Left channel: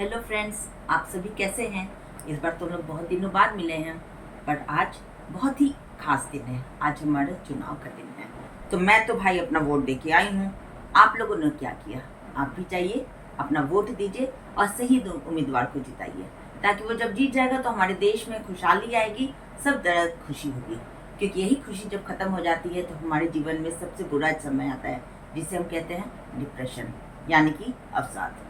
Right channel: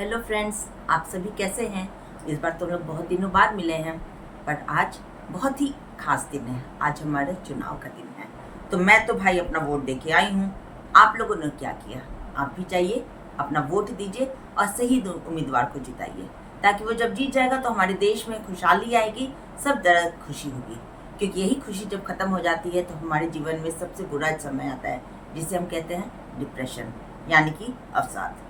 Hello friends, आप सभी कैसे हैं। इस बार तो हम लोग बहुत दिनों बाद मिले हैं, पर आज बहुत ही खास दिन है। आज हमारे चुनाव का दिन है, तो मैं तो भाई अपना वोट दे के आई हूँ। आप लोगों ने क्या किया? आप भी जाइए, अपना वोट दीजिए और सही उम्मीदवार को जिताइए, ताकि वो जब जीत जाएगा तो हमारे देश में खुशहाली आएगी, सब तरह खुशी होगी। क्योंकि यही खुशी जब खत्म हो जाती है तो हमारे जीवन में सबसे बुरा समय आता है, जिसे हम कहते हैं डिप्रेशन, यानी कि अवसाद।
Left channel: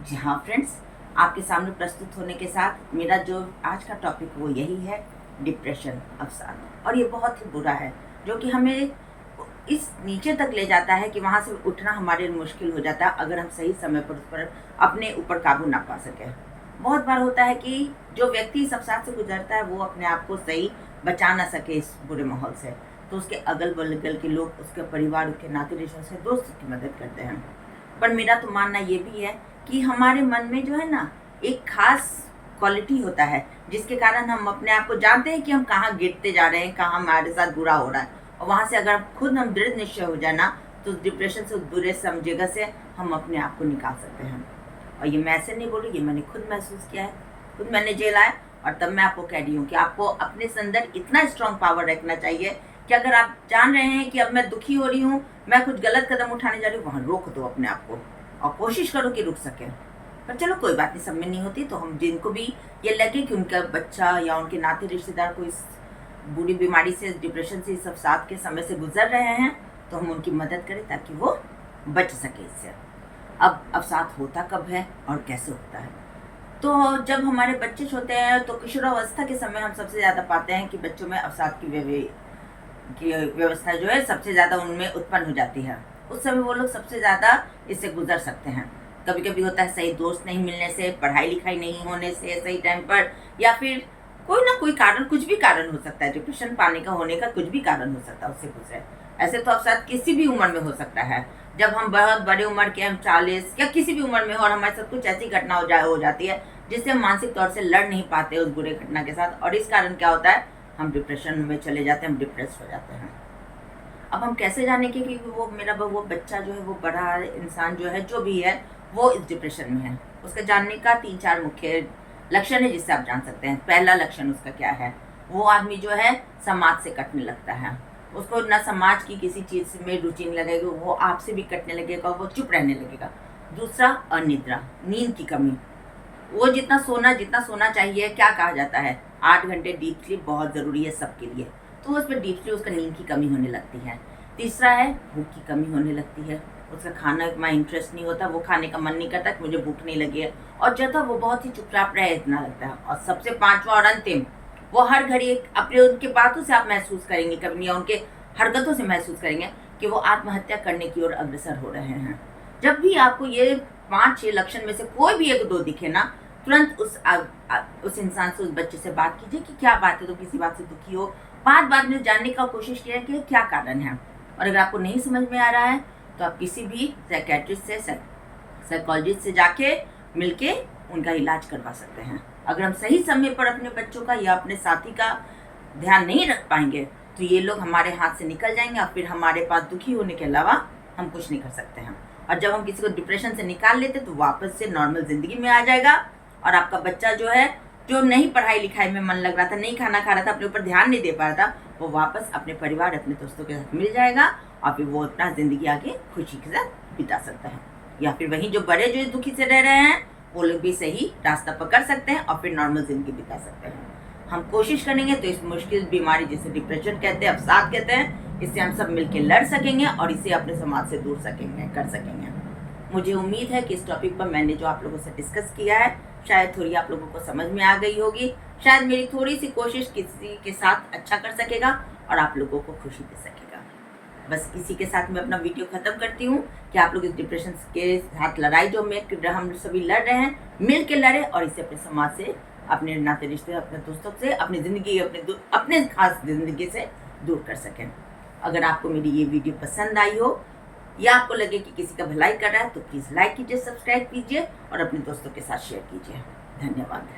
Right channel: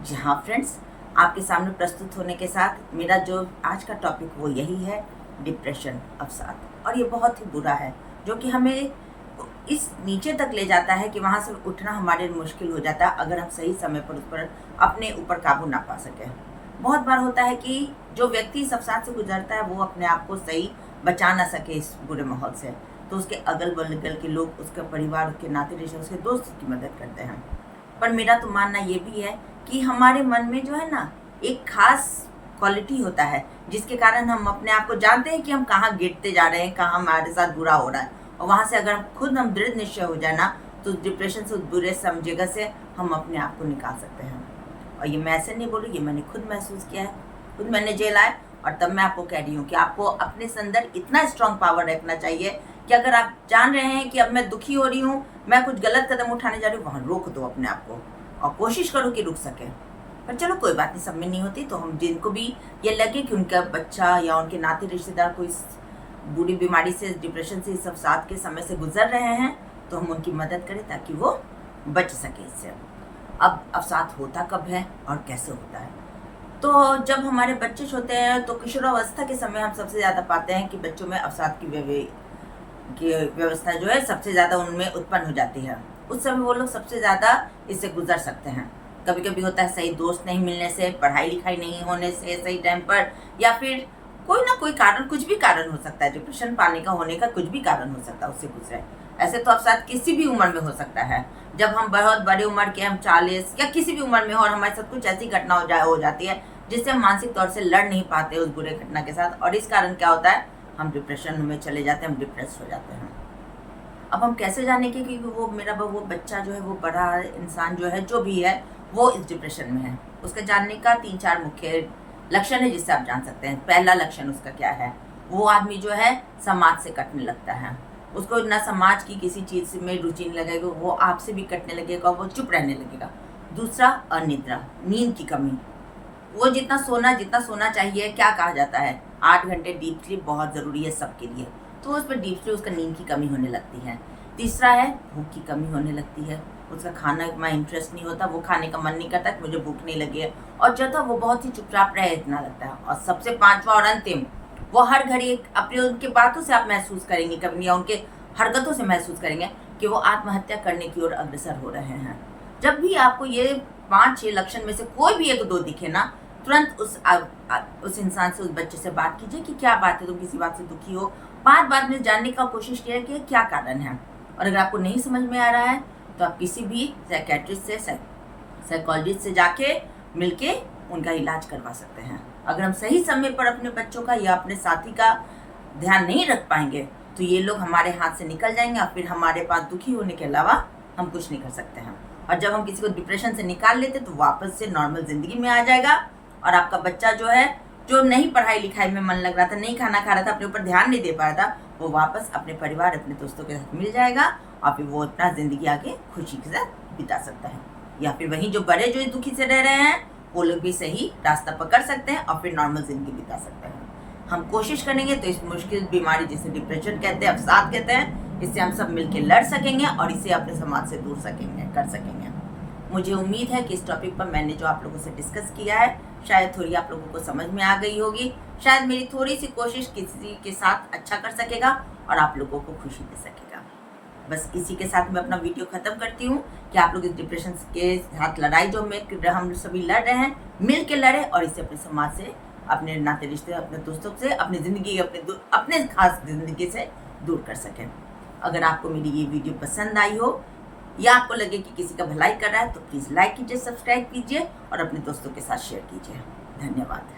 जी हाँ फ्रेंड्स, आपके सामने प्रस्तुत होने के साथ मेरा जो आज का टॉपिक वो यही है, डिप्रेशन, अवसाद। और ये बहुत ही बुरा है, जो कि हमें इस नीचे तक ले जाता है कि वहाँ से उठना हमारे लिए मुश्किल हो जाता है, अगर हम सही समय पर उस पर अपने ऊपर काबू ना पा सकें। बहुत बार होता है कि जो व्यक्ति इस अवसाद से गुजरता है वो अपने आप को सही बचा ना सके इस बुरे माहौल से, तो उसके अगल बगल के लोग, उसके परिवार, उसके नाते रिश्ते, उसके दोस्त उसकी मदद करते हैं। पर मेरा तो मानना ये भी है कि हमारे मन में जो है ना, एक खास क्वालिटी होता है, जिसके कारण हम अपने आप को जानते हैं कि हम कहाँ गिरते जा रहे हैं, कहाँ हमारे साथ बुरा हो रहा है। और वहाँ से अगर खुद हम दृढ़ निश्चय हो जाए ना, तो डिप्रेशन से, उस बुरे जगह से हम अपने आप को निकाल सकते हैं। और ये मैं ऐसे नहीं बोलूँ, ये मैंने खुद महसूस किया है, खुद मैंने झेला है। और तब मैं आपको कह रही हूँ कि आपको अपने अंदर इतना स्ट्रांग पावर रखना चाहिए कि अगर आप जान रहे हैं कि अब मैं दुखी हो रही हूँ, मैं कुछ गलत कदम उठाने जा रही हूँ, वहाँ रोक दो अपने आप को और कोशिश करो कि रुक सके। पर चलो कोई बात नहीं, सब में नहीं होती, तो हम जिनको भी ये लगे कि उनका बच्चा या उनके नाते रिश्तेदार को इस बुरी बीमारी से, डिप्रेशन से, इस अवसाद के समय से गुजर रहे हैं, तो हम उनकी मदद करें ताकि वो बच सके इससे। अब अवसाद होता कब है और कैसे होता है? तो जब हमारे बच्चे होते हैं तो किशोरावस्था के समय हम सबसे ज़्यादा पाते हैं कि बच्चों में अवसाद की व्यवस्था जो है सबसे ज़्यादा उनमें उत्पन्न हो जाती है। उस समय वो लोग सबसे ज़्यादा इससे गुजर सकते हैं। कभी कभी होता है सही दोस्त नहीं मिलने से, पढ़ाई लिखाई नहीं होने से सही टाइम पर, या फिर कोई ना कोई कारण, कुछ भी कारण हो सकता है, डिप्रेशन पाने का होने का कुछ भी कारण हो सकता है, उससे गुजरे। ऐसे तो अवसाद किसी भी उम्र में हो सकता है। जब हम बहुत बड़े उम्र के, हम 40 या किसी भी उम्र में हो और हमारे साथ कुछ ऐसी घटना हो जाती है जिससे हम मानसिक तौर से लड़ नहीं पाते उस बुरे घटना के साथ, और इस कारण क्या होता है, हम डिप्रेशन में चले जाते हैं, हम डिप्रेस हो जाते हैं। अब हम कैसे जाने कि वो मेरा वो बच्चा जो है, वो बड़ा इंसान जो है, जो भी है, वो इस डिप्रेशन में है? उसके जानने का 3-4 मुख्य लक्षण है जिससे आप जान सकते हैं। पहला लक्षण उसका क्या है? वो आदमी जो है समाज से कटने लगता है, उसको ना समाज की किसी चीज़ में रुचि नहीं लगेगी, वो आपसे भी कटने लगेगा, वो चुप रहने लगेगा। दूसरा, अनिद्रा, नींद की कमी। वो जितना सोना चाहिए, क्या कहा जाता है, 8 घंटे डीप स्लीप बहुत ज़रूरी है सबके लिए, तो उस पर डीप स्लीप, उसका नींद की कमी होने लगती है। तीसरा है भूख की कमी होने लगती है, उसका खाना में इंटरेस्ट नहीं होता, वो खाने का मन नहीं करता कि मुझे भूख नहीं लगी है, और जब तक वो बहुत ही चुपचाप रहे इतना लगता है। और सबसे पांचवा और अंतिम, वो हर घड़ी अपने, उनके बातों से आप महसूस करेंगे कभी, या उनके हरकतों से महसूस करेंगे कि वो आत्महत्या करने की ओर अग्रसर हो रहे हैं। जब भी आपको ये 5-6 लक्षण में से कोई भी 1-2 दिखे ना, तुरंत उस इंसान से, उस बच्चे से बात कीजिए कि क्या बात है, तुम किसी बात से दुखी हो। 5 बात में जानने का कोशिश कीजिए कि क्या कारण है। और अगर आपको नहीं समझ में आ रहा है तो आप किसी भी साइकेट्रिस्ट से, साइकोलॉजिस्ट से जाके मिलके उनका इलाज करवा सकते हैं। अगर हम सही समय पर अपने बच्चों का या अपने साथी का ध्यान नहीं रख पाएंगे तो ये लोग हमारे हाथ से निकल जाएंगे, और फिर हमारे पास दुखी होने के अलावा हम कुछ नहीं कर सकते हैं। और जब हम किसी को डिप्रेशन से निकाल लेते तो वापस से नॉर्मल जिंदगी में आ जाएगा, और आपका बच्चा जो है, जो नहीं पढ़ाई लिखाई में मन लग रहा था, नहीं खाना खा रहा था, अपने ऊपर ध्यान नहीं दे पा रहा था, वो वापस अपने परिवार, अपने दोस्तों के साथ मिल जाएगा, और फिर वो अपना जिंदगी आगे खुशी के साथ बिता सकता है। या फिर वहीं जो बड़े जो दुखी से रह रहे हैं, वो लोग भी सही रास्ता पकड़ सकते हैं और फिर नॉर्मल जिंदगी बिता सकते हैं। हम कोशिश करेंगे तो इस मुश्किल बीमारी, जिसे डिप्रेशन कहते हैं, अवसाद कहते हैं, इससे हम सब मिलकर लड़ सकेंगे और इसे अपने समाज से दूर कर सकेंगे। मुझे उम्मीद है कि इस टॉपिक पर मैंने जो आप लोगों से डिस्कस किया है, शायद थोड़ी आप लोगों को समझ में आ गई होगी। शायद मेरी थोड़ी सी कोशिश किसी के साथ अच्छा कर सकेगा और आप लोगों को खुशी दे सकेगा। बस इसी के साथ मैं अपना वीडियो ख़त्म करती हूँ कि आप लोग इस डिप्रेशन के साथ लड़ाई जो हम सभी लड़ रहे हैं, मिल के लड़े और इसे अपने समाज से, अपने नाते रिश्ते, अपने दोस्तों से, अपनी ज़िंदगी, अपने खास ज़िंदगी से दूर कर सकें। अगर आपको मेरी ये वीडियो पसंद आई हो या आपको लगे कि किसी का भलाई कर रहा है, तो प्लीज़ लाइक कीजिए, सब्सक्राइब कीजिए और अपने दोस्तों के साथ शेयर कीजिए। धन्यवाद।